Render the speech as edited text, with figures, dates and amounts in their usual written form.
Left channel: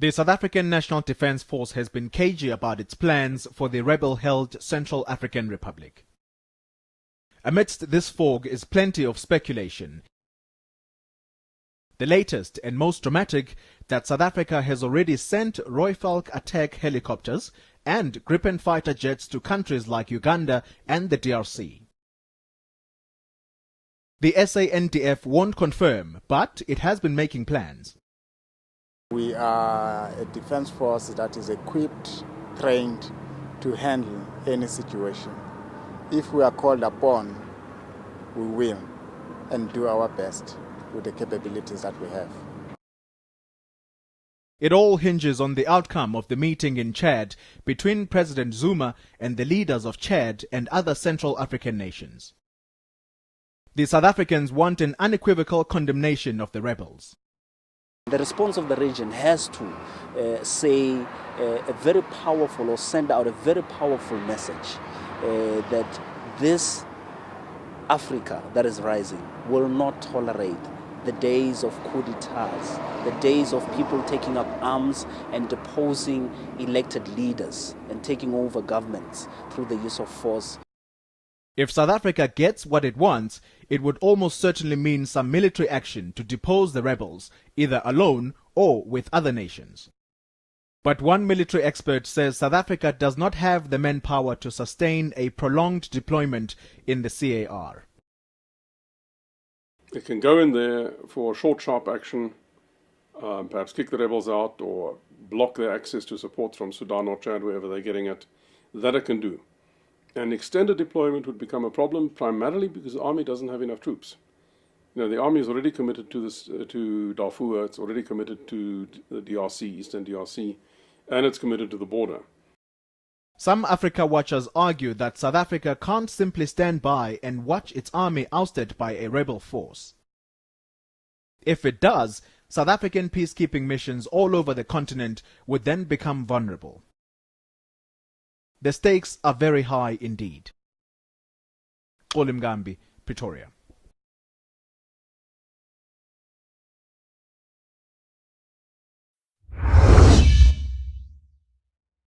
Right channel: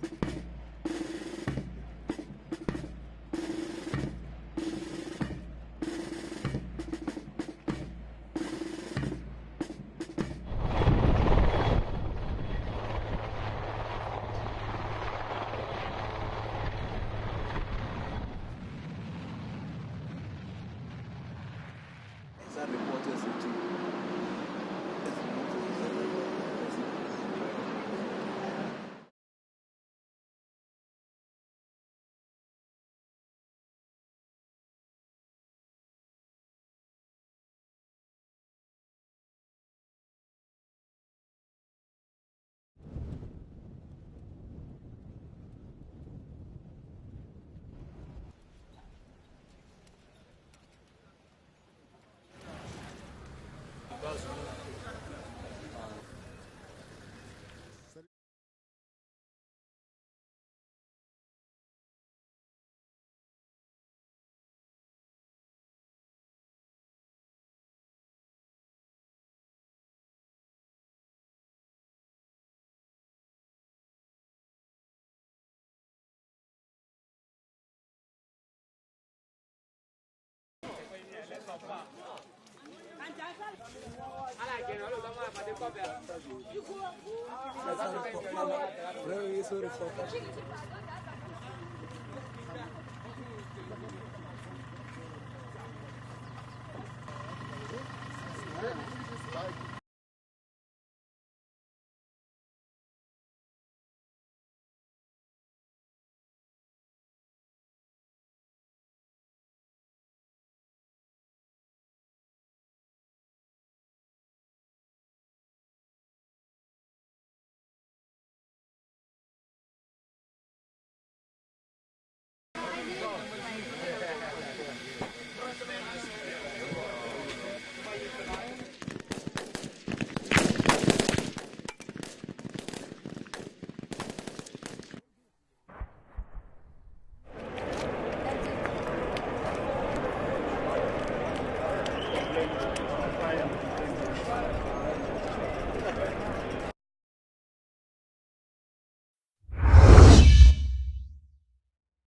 The South African National Defence Force has been cagey about its plans for the rebel-held Central African Republic. Amidst this fog is plenty of speculation. The latest and most dramatic, that South Africa has already sent Rooivalk attack helicopters and Gripen fighter jets to countries like Uganda and the DRC. The SANDF won't confirm, but it has been making plans. We are a defense force that is equipped, trained to handle any situation. If we are called upon, we will and do our best with the capabilities that we have. It all hinges on the outcome of the meeting in Chad between President Zuma and the leaders of Chad and other Central African nations. The South Africans want an unequivocal condemnation of the rebels. The response of the region has to say a very powerful, or send out a very powerful message that this Africa that is rising will not tolerate the days of coup d'etats, the days of people taking up arms and deposing elected leaders and taking over governments through the use of force. If South Africa gets what it wants, it would almost certainly mean some military action to depose the rebels, either alone or with other nations. But one military expert says South Africa does not have the manpower to sustain a prolonged deployment in the CAR. It can go in there for short, sharp action, perhaps kick the rebels out or block their access to support from Sudan or Chad, wherever they're getting it. That it can do. An extended deployment would become a problem, primarily because the army doesn't have enough troops. You know, the army is already committed to this, to Darfur. It's already committed to the DRC, Eastern DRC, and it's committed to the border. Some Africa watchers argue that South Africa can't simply stand by and watch its army ousted by a rebel force. If it does, South African peacekeeping missions all over the continent would then become vulnerable. The stakes are very high indeed. Pretoria.